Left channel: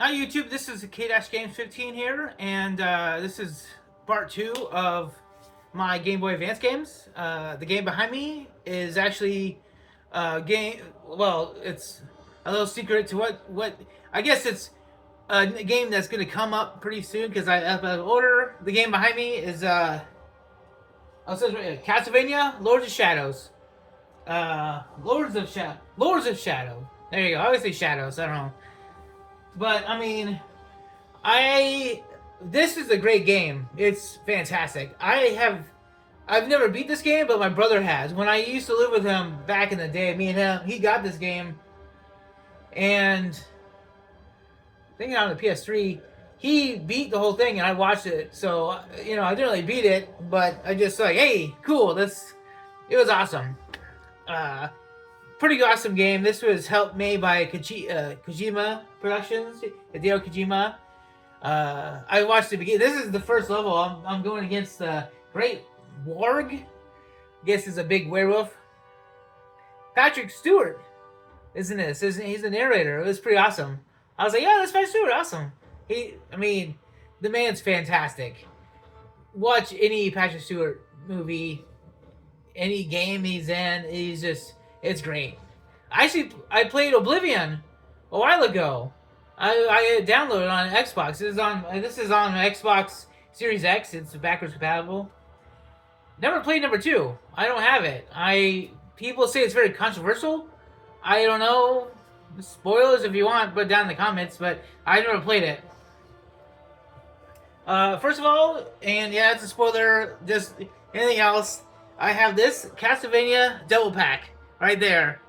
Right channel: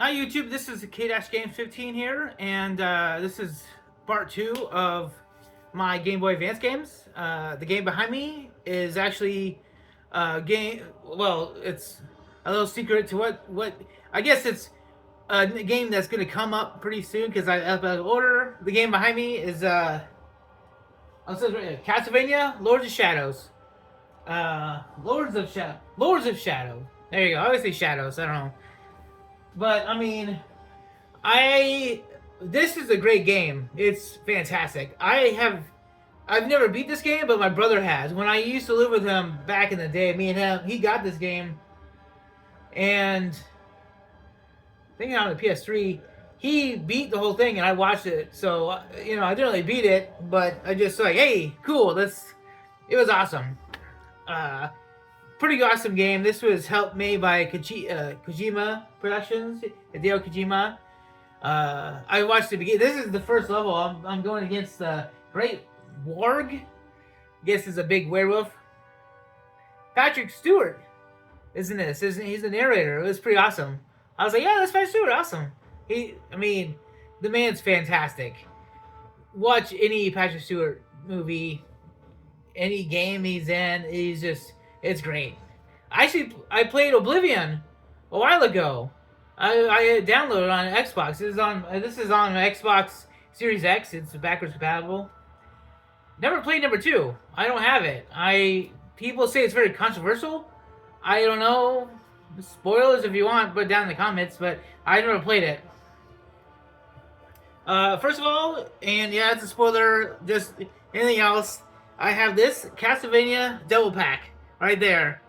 Hi YouTube, this is K-Game15 here, and this is part 2 of my Game Boy Advance games. The game behind me is actually it's a little secret to what I guess it's a game that's going to come up pretty soon because I up an order. The game behind me is Castlevania Lords of Shadows. Lords of Shadow. There you go. I always say Shadows. I don't know. But I mean, I this is a great game. It's fantastic. I've never beat this game, but my brother has. When I used to live with him back in the day, me and him, he got this game, and thinking on the PS3, he beat the whole thing, and I watched it. So I didn't really beat it, but I just like, hey, cool. It was awesome. Uh, Pretty awesome game. This was helped made by Kojima Productions, Hideo Kojima. I watched the beginning. This is the first level. I'm going against the Great Warg. I guess is a big werewolf. Patrick Stewart, isn't this? He's the narrator. It was pretty awesome. I was like, yeah, that's Patrick Stewart. Awesome. The man's fantastic. Watch any Patrick Stewart movie, any game he's in. It's great. I played Oblivion a while ago. I downloaded on Xbox. This is on Xbox Series X. It's backwards compatible. Never played number 2. I don't have it. People say it's very controversial. I don't know. Spoilers if you want, put it down in the comments. But I never played it. First of all, and yeah, it's a spoiler. Just anything else, I have this Castlevania Double Pack right there.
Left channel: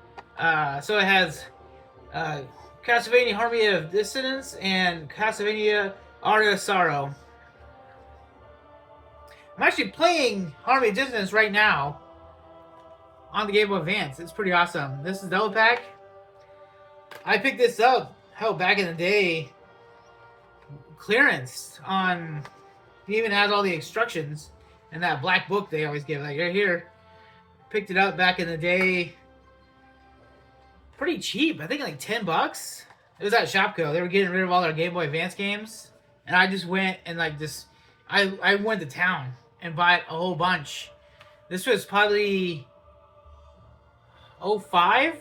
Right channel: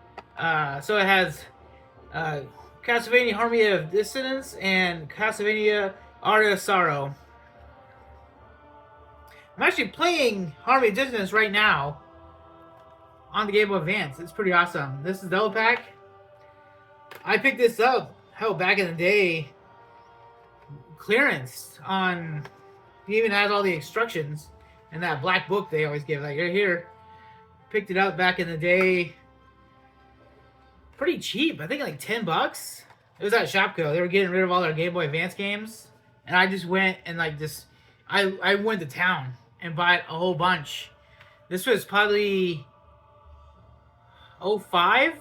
So it has Castlevania Harmony of Dissonance and Castlevania Art of Sorrow. I'm actually playing Harmony of Dissonance right now on the Game Boy Advance. It's pretty awesome. This is Double Pack. I picked this up, back in the day. Clearance on. It even has all the instructions in that black book they always give. Like right here. Picked it up back in the day. Pretty cheap. I think like $10. It was at Shopko. They were getting rid of all their Game Boy Advance games, and I just went and I went to town and bought a whole bunch. This was probably 05.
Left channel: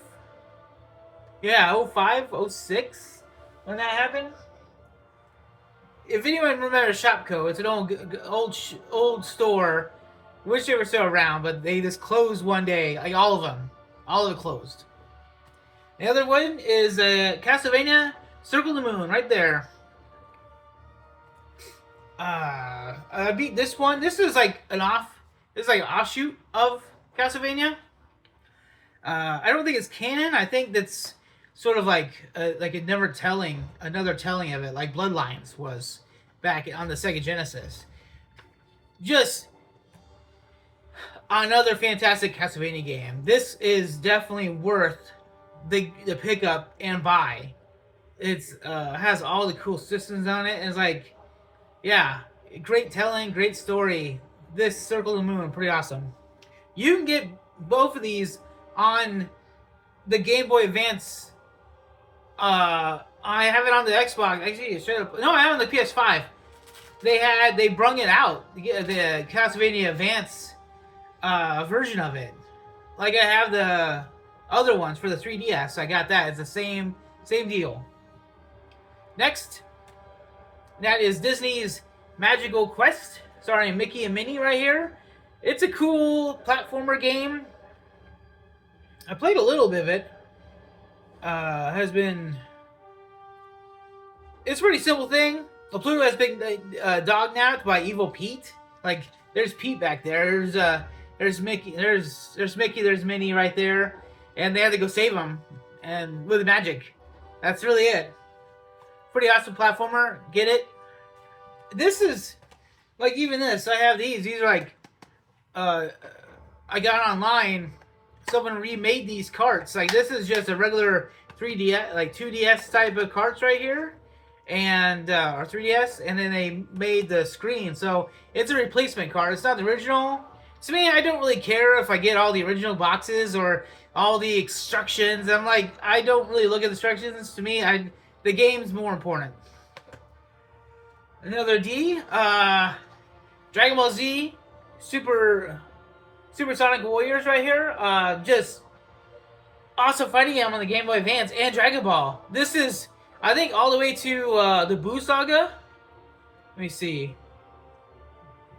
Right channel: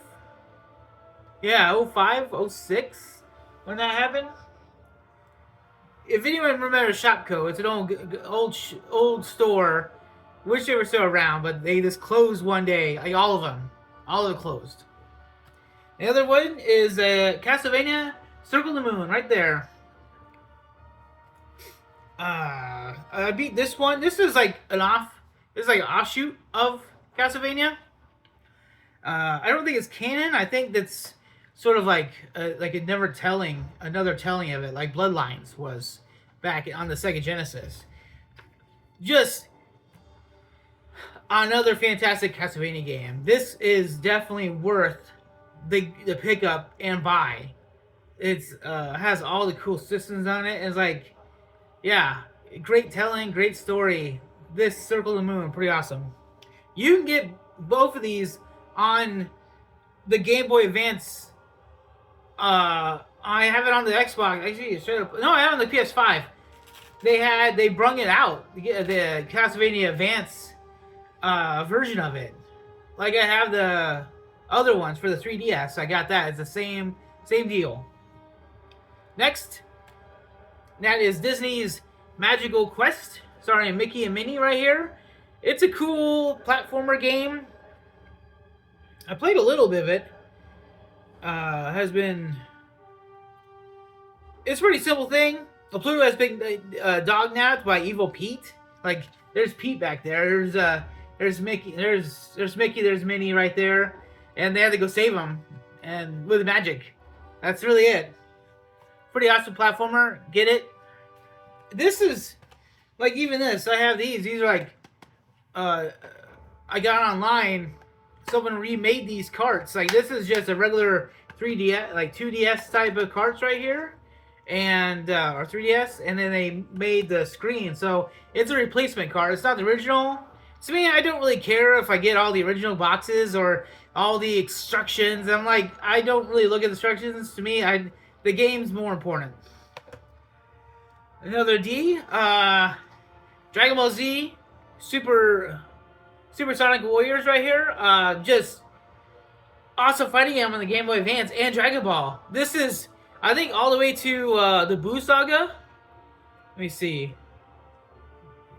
Yeah, 05, 06 when that happened. If anyone remembers Shopko, it's an old store. Wish they were still around, but they just closed one day. Like all of them closed. The other one is Castlevania Circle the Moon, right there. I beat this one. This is like an offshoot of Castlevania. I don't think it's canon. I think that's sort of like another telling of it, like Bloodlines was back on the Sega Genesis. Just another fantastic Castlevania game. This is definitely worth the pickup and buy. It's has all the cool systems on it. It's like, yeah, great telling, great story. This Circle of the Moon, pretty awesome. You can get both of these on the Game Boy Advance. I have it on the Xbox. Actually, straight up. No, I have it on the PS5. They brung it out. The Castlevania Advance version of it. Like I have the other ones for the 3DS. I got that. It's the same deal. Next, that is Disney's Magical Quest, starring Mickey and Minnie right here. It's a cool platformer game. I played a little bit of it. It's a pretty simple thing. Pluto has been dog napped by Evil Pete. Like there's Pete back there. There's Mickey. There's Mickey. There's Minnie right there, and they have to go save him, and with magic. That's really it. Pretty awesome platformer. Get it? This is like even this. I have these. These are like I got online. Someone remade these carts. Like this is just a regular 3DS, like 2DS type of carts right here, and or 3DS, and then they made the screen. So it's a replacement cart. It's not the original. So me, I don't really care if I get all the original boxes or all the instructions. I'm like, I don't really look at the instructions. To me, the game's more important. Another D. Dragon Ball Z, Super Sonic Warriors right here. Just awesome fighting game on the Game Boy Advance and Dragon Ball. This is, I think, all the way to the Boo Saga. Let me see.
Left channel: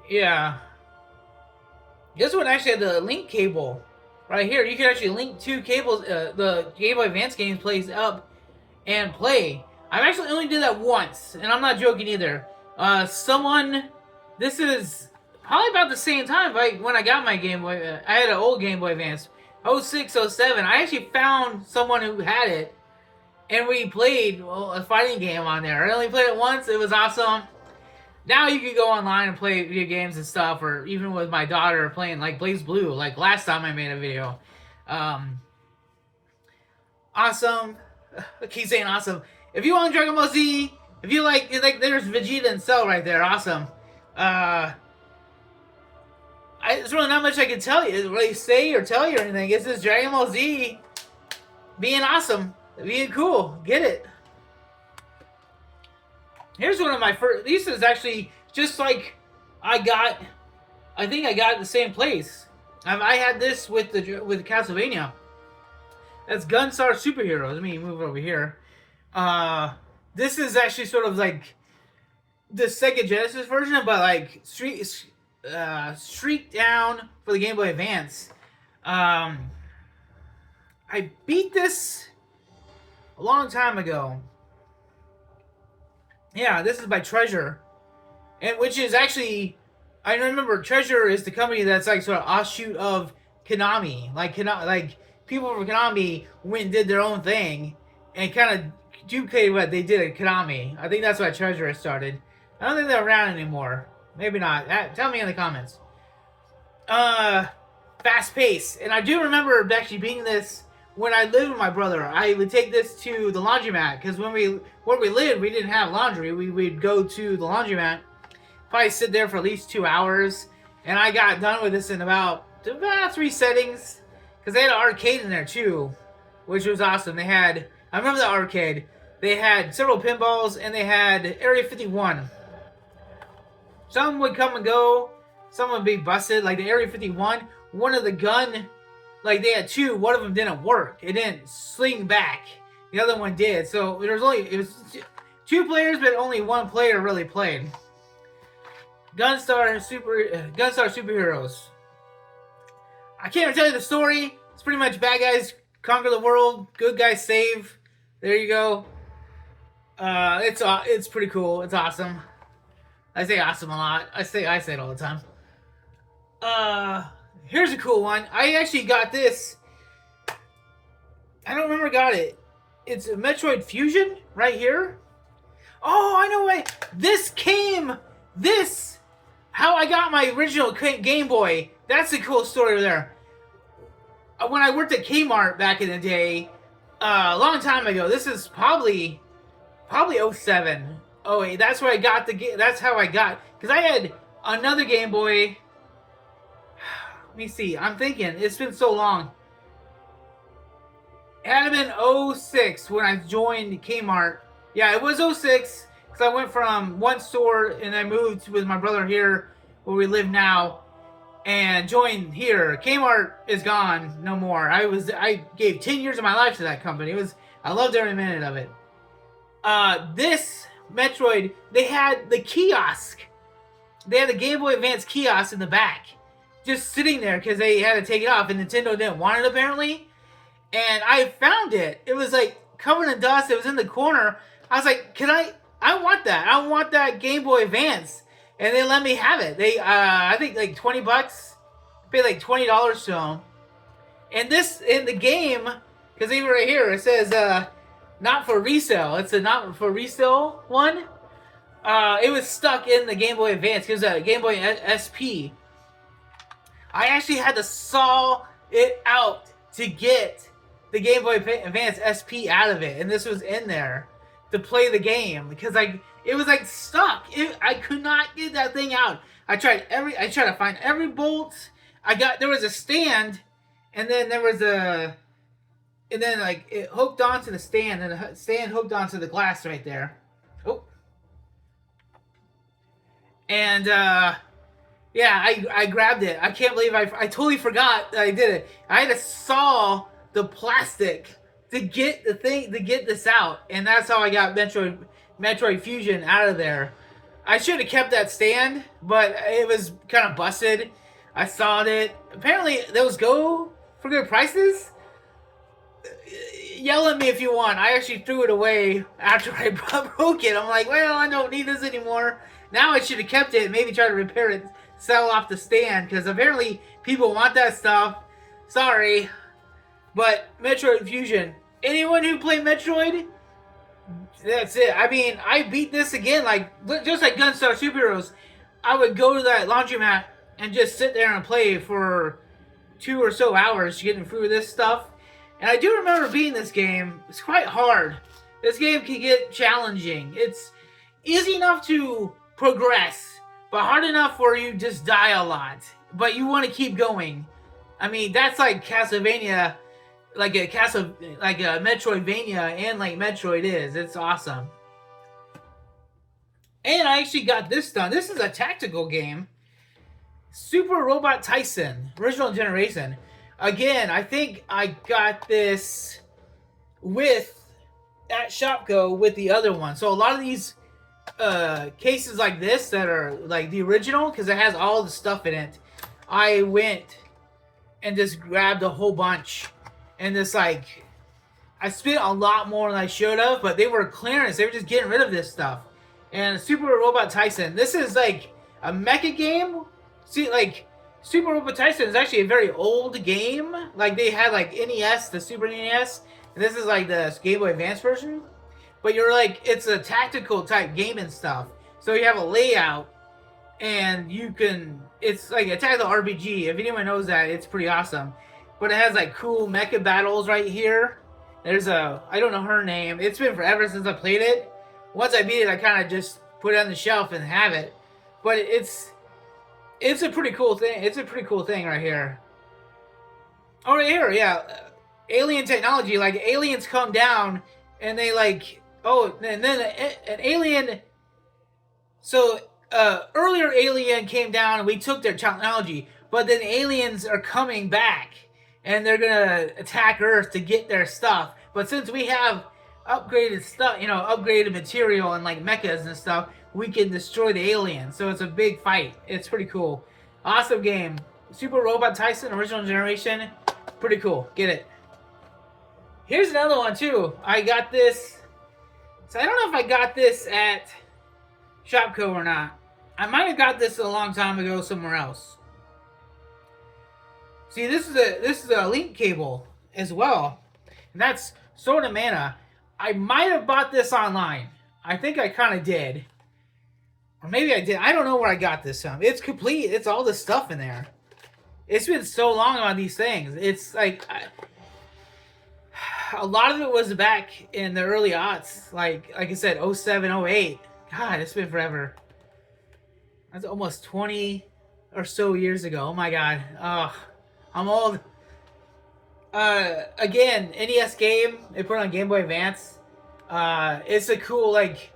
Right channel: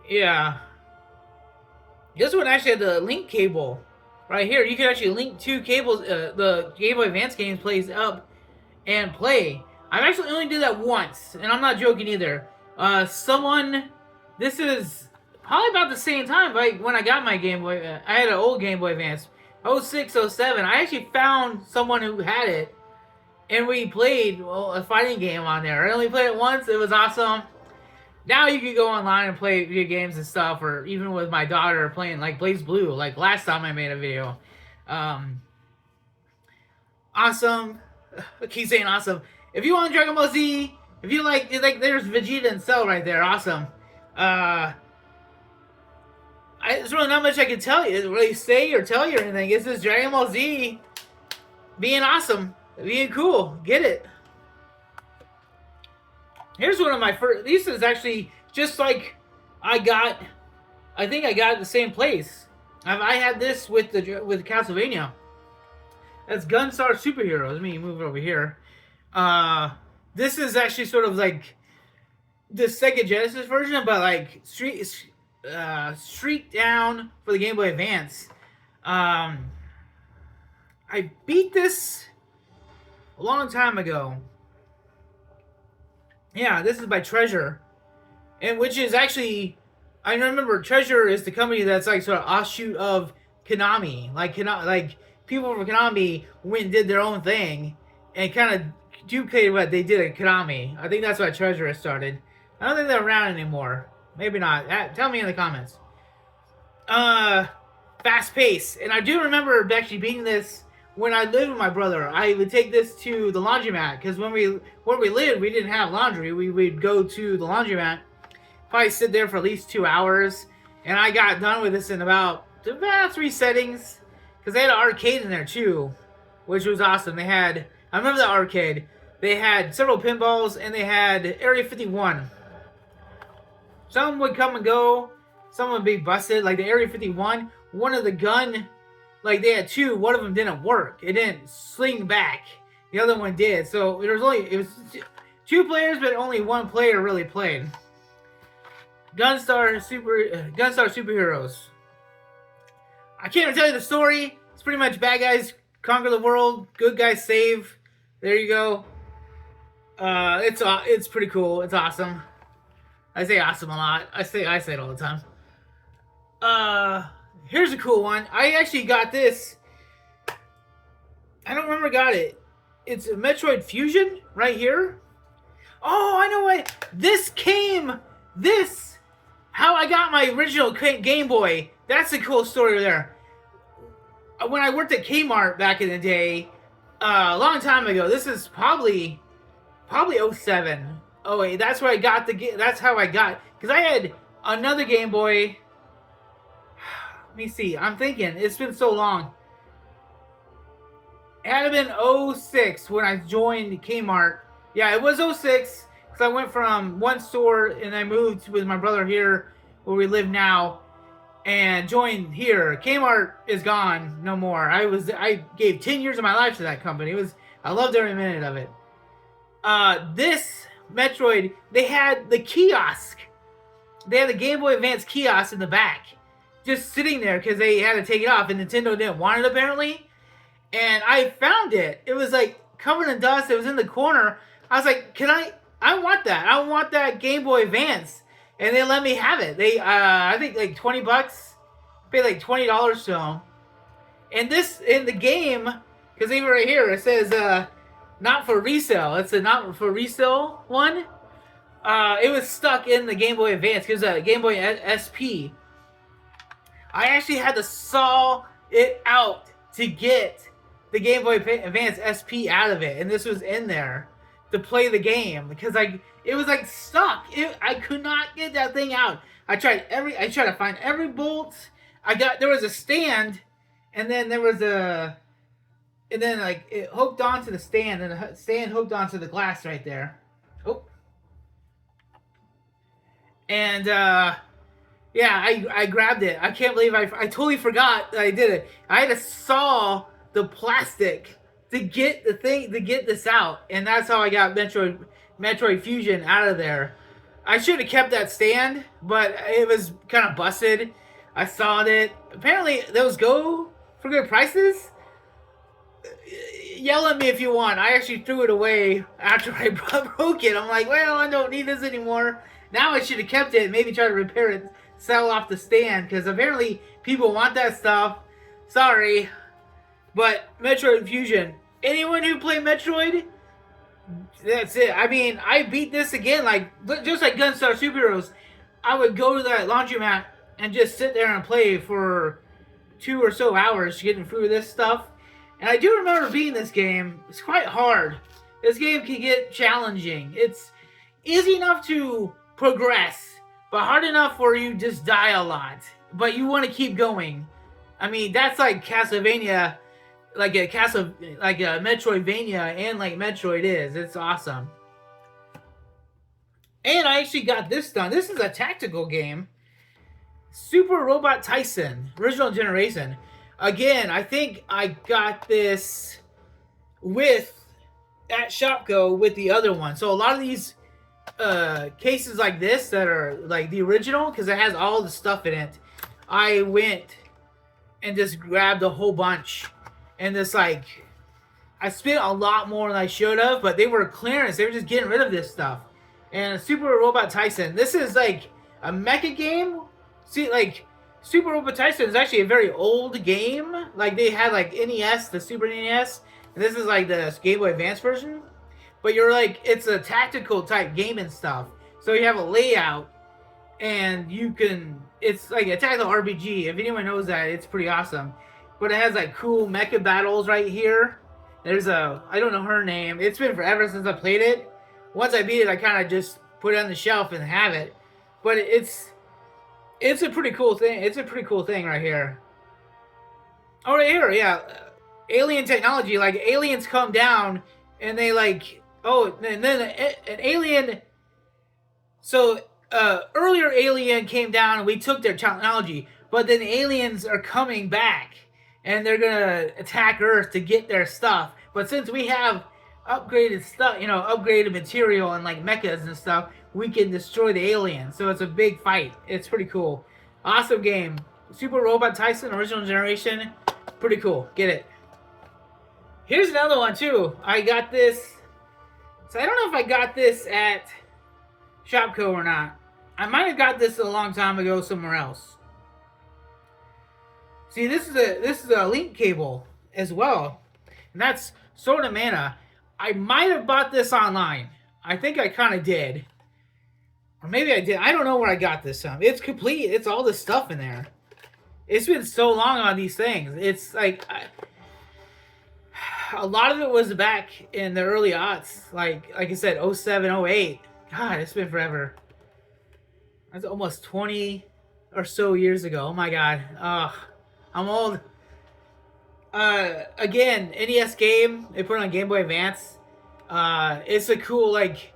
Yeah. This one actually had the link cable right here. You can actually link two cables. The Game Boy Advance games plays up and play. I've actually only did that once, and I'm not joking either. This is probably about the same time, like when I got my Game Boy. I had an old Game Boy Advance, 06, 07. I actually found someone who had it, and we played a fighting game on there. I only played it once. It was awesome. Now you can go online and play video games and stuff, or even with my daughter playing like Blaze Blue, like last time I made a video. Awesome. I keep saying awesome. If you want Dragon Ball Z, if you like there's Vegeta and Cell right there. Awesome. There's really not much I can tell you, really say or tell you or anything. It's just Dragon Ball Z being awesome, being cool. Get it. Here's one of my first. This is actually just like I think I got it the same place. I had this with Castlevania. That's Gunstar Superheroes. Let me move over here. This is actually sort of like the Sega Genesis version, but like streaked down for the Game Boy Advance. I beat this a long time ago. Yeah, this is by Treasure, and which is actually, I remember Treasure is the company that's like sort of offshoot of Konami. Like people from Konami went and did their own thing and kind of duplicated what they did at Konami. I think that's why Treasure started. I don't think they're around anymore. Maybe not. Tell me in the comments. Fast pace, and I do remember actually beating this. When I lived with my brother, I would take this to the laundromat because where we lived, we didn't have laundry. We would go to the laundromat, probably sit there for at least 2 hours, and I got done with this in about 3 settings because they had an arcade in there too, which was awesome. I remember the arcade. They had several pinballs and they had Area 51. Some would come and go, some would be busted. Like the Area 51, one of the gun. Like, they had two. One of them didn't work. It didn't sling back. The other one did. So, it was 2 players, but only 1 player really played. Gunstar Superheroes. I can't even tell you the story. It's pretty much bad guys conquer the world. Good guys save. There you go. It's pretty cool. It's awesome. I say awesome a lot. I say it all the time. Here's a cool one. I actually got this. I don't remember got it. It's a Metroid Fusion right here. Oh, I know why. How I got my original Game Boy. That's a cool story there. When I worked at Kmart back in the day, a long time ago. This is probably 07. Oh wait, that's where I got that's how I got, because I had another Game Boy. Let me see. I'm thinking. It's been so long. It had been 06 when I joined Kmart. Yeah, it was 06 because I went from one store and I moved with my brother here where we live now and joined here. Kmart is gone. No more. I gave 10 years of my life to that company. I loved every minute of it. This Metroid, they had the kiosk. They had the Game Boy Advance kiosk in the back. Just sitting there because they had to take it off and Nintendo didn't want it apparently. And I found it. It was like covered in dust. It was in the corner. I was like, I want that. I want that Game Boy Advance. And they let me have it. They, I think like $20. Paid like $20 to them. And this, in the game, because even right here, it says, not for resale. It's a not for resale one. It was stuck in the Game Boy Advance. It was a Game Boy SP. I actually had to saw it out to get the Game Boy Advance SP out of it, and this was in there to play the game because it was like stuck. I could not get that thing out. I tried to find every bolt. There was a stand, and then there was and then like it hooked onto the stand, and the stand hooked onto the glass right there. Oh, and yeah, I grabbed it. I can't believe I totally forgot that I did it. I had to saw the plastic to get the thing to get this out, and that's how I got Metroid Fusion out of there. I should have kept that stand, but it was kind of busted. I saw it. Apparently, those go for good prices. Yell at me if you want. I actually threw it away after I broke it. I'm like, well, I don't need this anymore. Now I should have kept it. Maybe try to repair it, sell off the stand, because apparently people want that stuff. Sorry, but Metroid Fusion. Anyone who played Metroid, that's it. I mean, I beat this again, like just like Gunstar Superheroes. I would go to that laundromat and just sit there and play for 2 or so hours getting through this stuff. And I do remember beating this game. It's quite hard. This game can get challenging. It's easy enough to progress, but hard enough where you just die a lot. But you want to keep going. I mean, that's like Castlevania, like a Metroidvania, and like Metroid is. It's awesome. And I actually got this done. This is a tactical game. Super Robot Tyson, original generation. Again, I think I got this at Shopko with the other one. So a lot of these cases like this that are like the original, because it has all the stuff in it, I went and just grabbed a whole bunch. And this, like, I spent a lot more than I should have, but they were clearance. They were just getting rid of this stuff. And Super Robot Tyson, this is like a mecha game. See, like, Super Robot Tyson is actually a very old game. Like, they had, like, NES, the Super NES, and this is, like, the Game Boy Advance version. But you're, like, it's a tactical type game and stuff. So you have a layout, and you can, it's like a tactical RPG. If anyone knows that, it's pretty awesome. But it has, like, cool mecha battles right here. There's I don't know her name. It's been forever since I played it. Once I beat it, I kind of just put it on the shelf and have it. But it's a pretty cool thing. It's a pretty cool thing right here. Oh, right here, yeah. Alien technology. Like, aliens come down, and they, like... Oh, and then an alien... So, earlier alien came down, and we took their technology. But then aliens are coming back, and they're gonna attack Earth to get their stuff. But since we have upgraded stuff, you know, upgraded material and, like, mechas and stuff, we can destroy the aliens. So it's a big fight. It's pretty cool. Awesome game. Super Robot Tyson, original generation. Pretty cool. Get it. Here's another one, too. I got this. So I don't know if I got this at Shopko or not. I might have got this a long time ago somewhere else. See, this is a link cable as well. And that's Sword of Mana. I might have bought this online. I think I kind of did. Or maybe I did. I don't know where I got this from. It's complete. It's all this stuff in there. It's been so long on these things. It's like... a lot of it was back in the early aughts. Like I said, 07, 08. God, it's been forever. That's almost 20 or so years ago. Oh my God. Ugh. I'm old. Again, NES game. They put it on Game Boy Advance. It's a cool, like...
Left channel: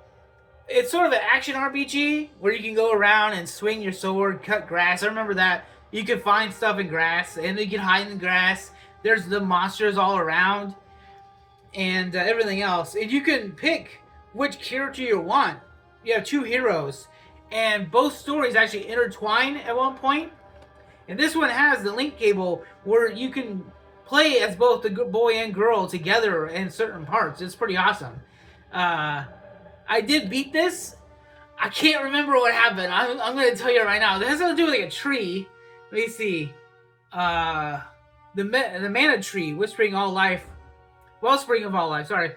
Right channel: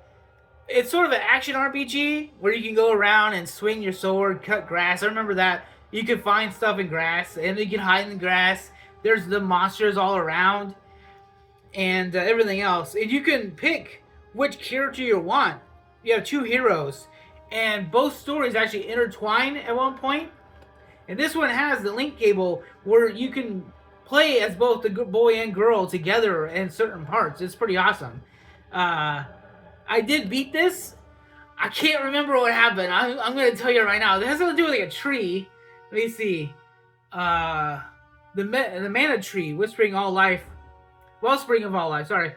It's sort of an action RPG where you can go around and swing your sword, cut grass. I remember that. You can find stuff in grass, and you can hide in grass. There's the monsters all around, and everything else. And you can pick which character you want. You have 2 heroes, and both stories actually intertwine at one point. And this one has the link cable where you can play as both the boy and girl together in certain parts. It's pretty awesome. I did beat this. I can't remember what happened. I'm going to tell you right now. It has something to do with like a tree. Let me see. The mana tree, whispering all life, wellspring of all life, sorry,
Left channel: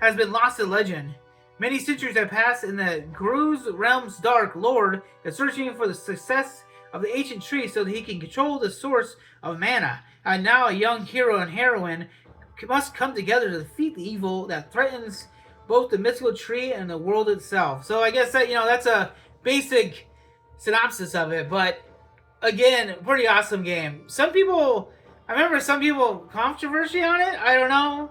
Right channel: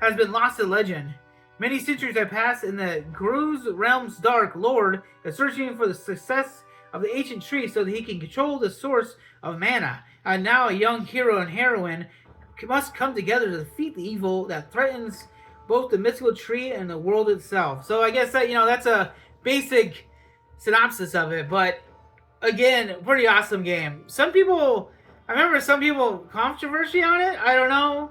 has been lost to legend. Many centuries have passed, and the Gru's realm's dark lord is searching for the success of the ancient tree so that he can control the source of mana. And now a young hero and heroine must come together to defeat the evil that threatens both the mythical tree and the world itself. So I guess that, you know, that's a basic synopsis of it. But again, pretty awesome game. Some people I remember some people controversy on it. I don't know,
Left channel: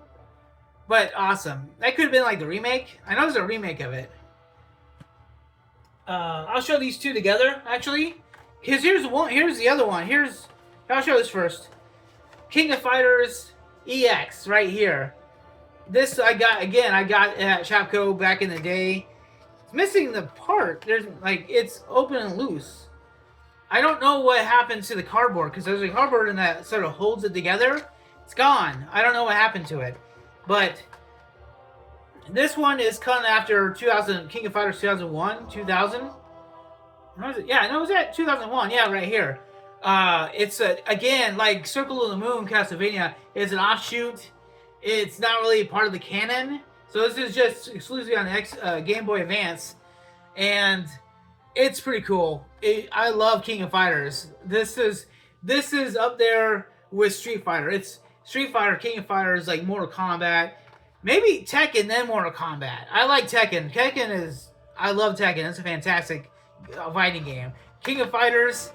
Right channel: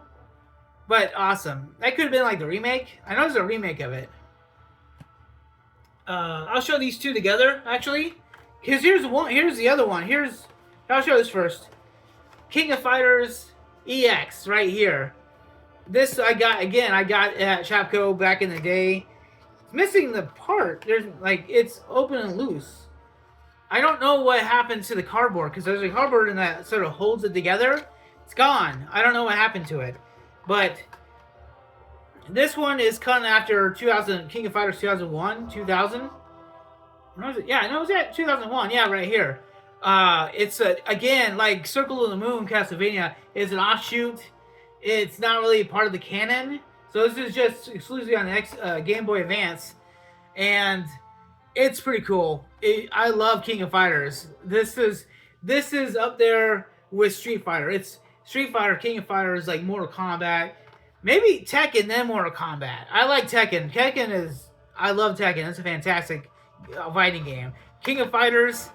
but awesome. That could have been like the remake. I know there's a remake of it. I'll show these two together actually, because here's one. Here's the other one. I'll show this first. King of Fighters EX right here. This I got again. I got at Shopko back in the day. It's missing the part. There's like it's open and loose. I don't know what happened to the cardboard because there's a cardboard in that sort of holds it together. It's gone. I don't know what happened to it, but this one is kind of after 2000 King of Fighters 2001 2000. Was it? Yeah, no, it was at 2001. Yeah, right here. It's again like Circle of the Moon Castlevania is an offshoot. It's not really part of the canon, so this is just exclusively on the Game Boy Advance, and it's pretty cool. I love King of Fighters. This is up there with Street Fighter. It's Street Fighter, King of Fighters, like Mortal Kombat, maybe Tekken, then Mortal Kombat. I like Tekken. I love Tekken. It's a fantastic fighting game. King of Fighters.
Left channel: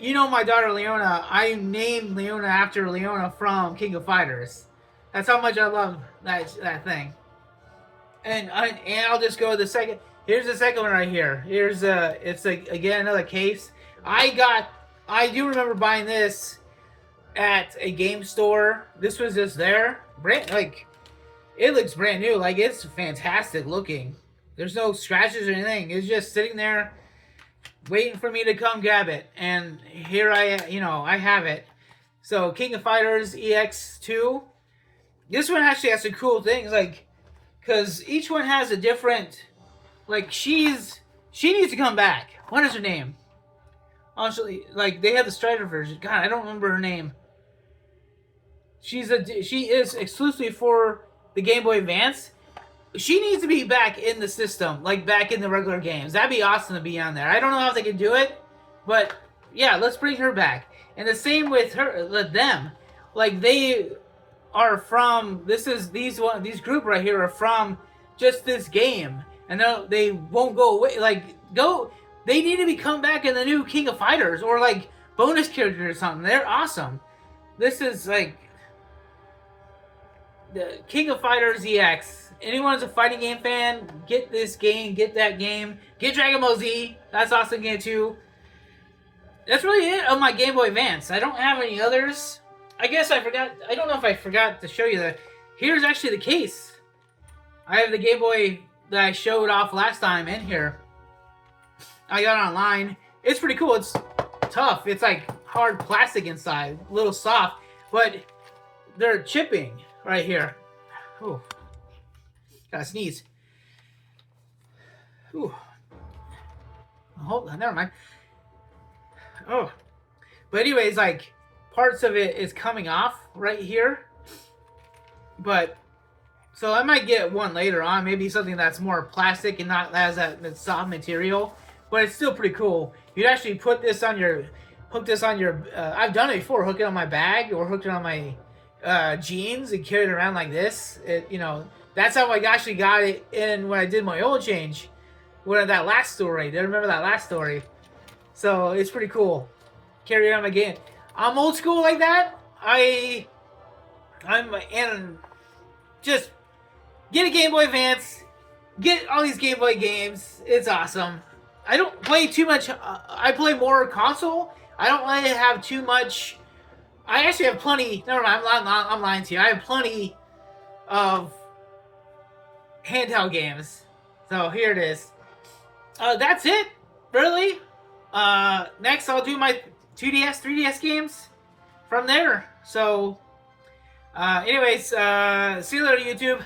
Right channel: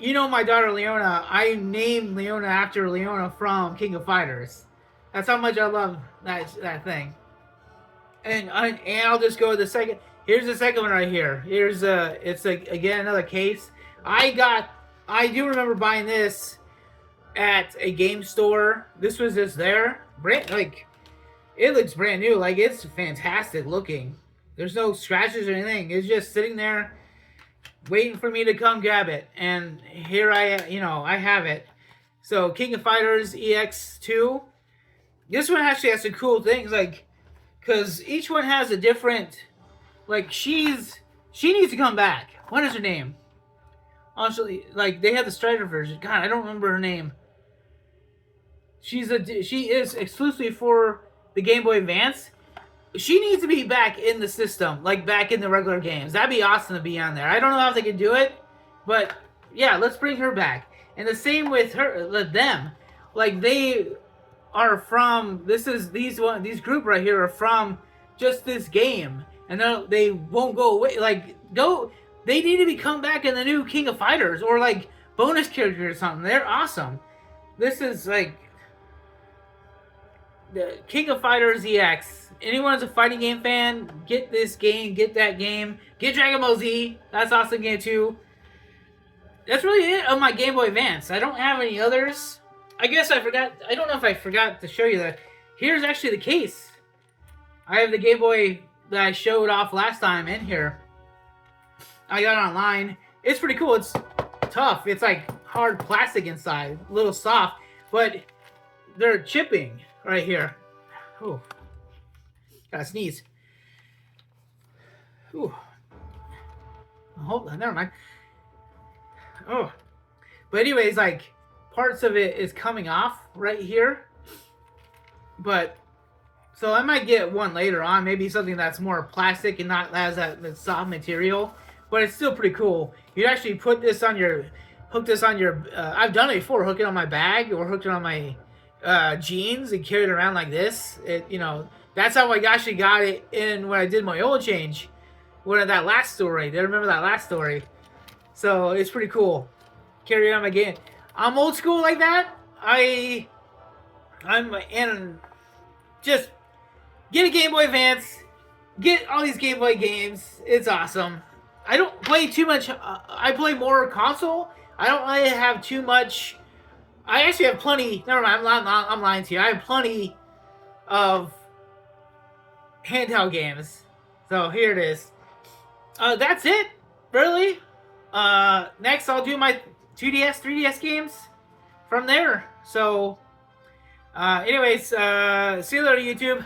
You know my daughter Leona. I named Leona after Leona from King of Fighters. That's how much I love that thing. And I'll just go to the second. Here's the second one right here. It's like again another case. I do remember buying this at a game store. This was just there, it looks brand new. Like it's fantastic looking. There's no scratches or anything. It's just sitting there, waiting for me to come grab it. And here I have it. So King of Fighters EX2. This one actually has some cool things, like, because each one has a different, like, she needs to come back. What is her name? Honestly, like, they have the Strider version. God, I don't remember her name. She is exclusively for the Game Boy Advance. She needs to be back in the system, like, back in the regular games. That'd be awesome to be on there. I don't know how they can do it, but, yeah, let's bring her back. And the same with them. Like, they are from these group right here are from just this game, and they won't go away. They need to come back in the new King of Fighters or like bonus characters or something. They're awesome. This is like the King of Fighters EX. Anyone who's a fighting game fan, get this game, get that game, get Dragon Ball Z. That's awesome game too. That's really it on my Game Boy Advance. I don't have any others. I guess I forgot. I don't know if I forgot to show you that. Here's actually the case. I have the Game Boy that I showed off last time in here. I got it online. It's pretty cool. It's tough. It's like hard plastic inside, a little soft, but they're chipping right here. Ooh, gotta sneeze. Ooh. Oh, never mind. Oh, but anyways, like, parts of it is coming off right here, but so I might get one later on, maybe something that's more plastic and not has that soft material, but it's still pretty cool. You'd actually hook this on your I've done it before, hook it on my bag or hook it on my jeans and carry it around like this. That's how I actually got it in when I did my oil change, that last story. Do you remember that last story? So it's pretty cool. Carry it on again. I'm old school like that. And just get a Game Boy Advance. Get all these Game Boy games. It's awesome. I don't play too much. I play more console. I don't really have too much. I actually have plenty. Never mind. I'm lying to you. I have plenty of handheld games. So here it is. That's it. Really. Next, I'll do my 2DS, 3DS games from there. So, anyways, see you later, YouTube.